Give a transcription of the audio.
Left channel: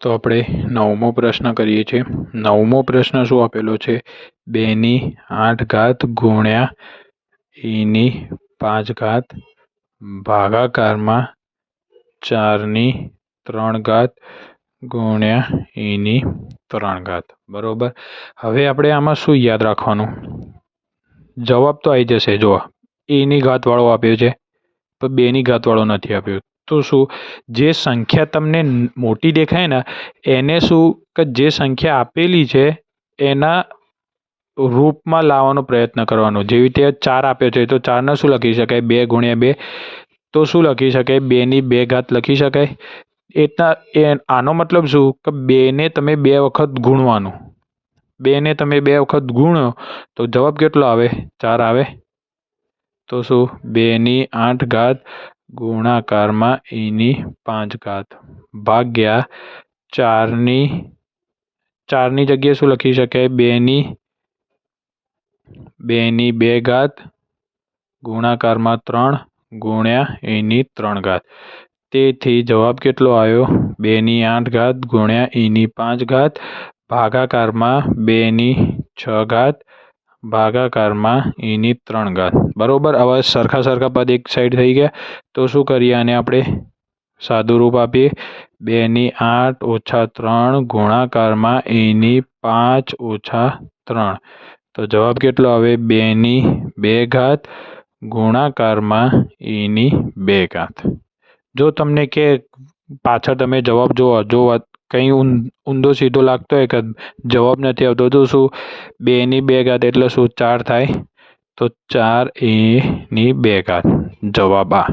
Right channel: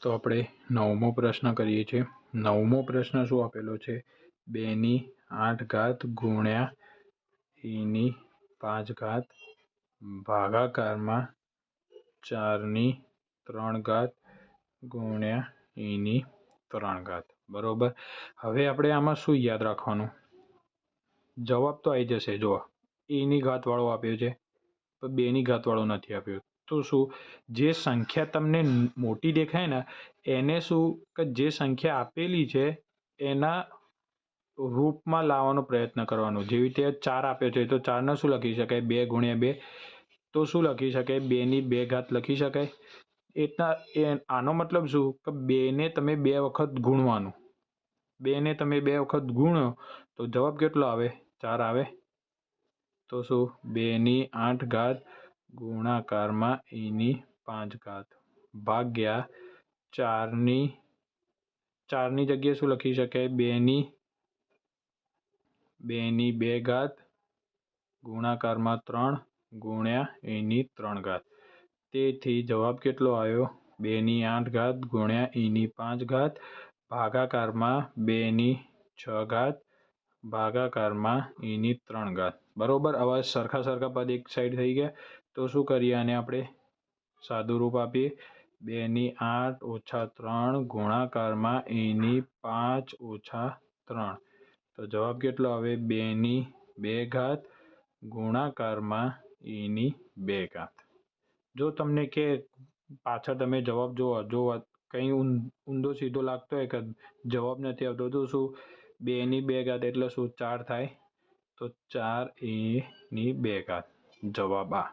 તો આપણે નવમો પ્રશ્ન કરીએ છીએ. નવમો પ્રશ્ન શું આપેલો છે? બેની આઠ ઘાત ગુણ્યા એની પાંચ ઘાત ભાગાકારમાં ચારની ત્રણ ઘાત ગુણ્યા એની ત્રણ ઘાત. બરાબર? હવે આપણે આમાં શું યાદ રાખવાનું? જવાબ તો આવી જશે જો એની ઘાતવાળો આપ્યો છે. તો બેની ઘાતવાળો નથી આપ્યો. તો શું? જે સંખ્યા તમને મોટી દેખાય ને, એને શું કે જે સંખ્યા આપેલી છે, એના રૂપમાં લાવવાનો પ્રયત્ન કરવાનો. જેવી રીતે ચાર આપ્યો છે, તો ચારને શું લખી શકાય? બે ગુણ્યા બે. તો શું લખી શકાય? બેની બે ઘાત લખી શકાય. એટલા એ, આનો મતલબ શું? કે બેને તમે બે વખત ગુણવાનું. બેને તમે બે વખત ગુણો, તો જવાબ કેટલો આવે? ચાર આવે. તો શું? બેની આઠ ઘાત ગુણાકારમાં એની પાંચ ઘાત ભાગ્યા ચારની ચારની જગ્યાએ શું લખી શકાય બેની બેની બે ઘાત ગુણાકારમાં ત્રણ ગુણ્યા એની ત્રણ ઘાત તેથી જવાબ કેટલો આવ્યો બેની આઠ ઘાત ગુણ્યા એની પાંચ ઘાત ભાગાકારમાં બેની છ ઘાત ભાગાકારમાં એની ત્રણ ઘાત. બરાબર? હવે સરખા સરખા પદ એક સાઈડ થઈ ગયા. તો શું કરીએ? આને આપણે સાદું રૂપ આપીએ. બેની આઠ ઓછા ત્રણ ગુણાકારમાં એની પાંચ ઓછા ત્રણ. તો જવાબ કેટલો આવે? બેની બે ઘાત, ગુણાકારમાં એની બે ઘાત. જો તમને કે પાછળ તમે જવાબ જુઓ જો કંઈ ઊંધો સીધો લાગતો હોય કે જવાબ નથી આવતો, તો શું બેની બે ઘાત એટલે શું? ચાર થાય? તો ચાર એની બે ઘાત. જવાબ આ.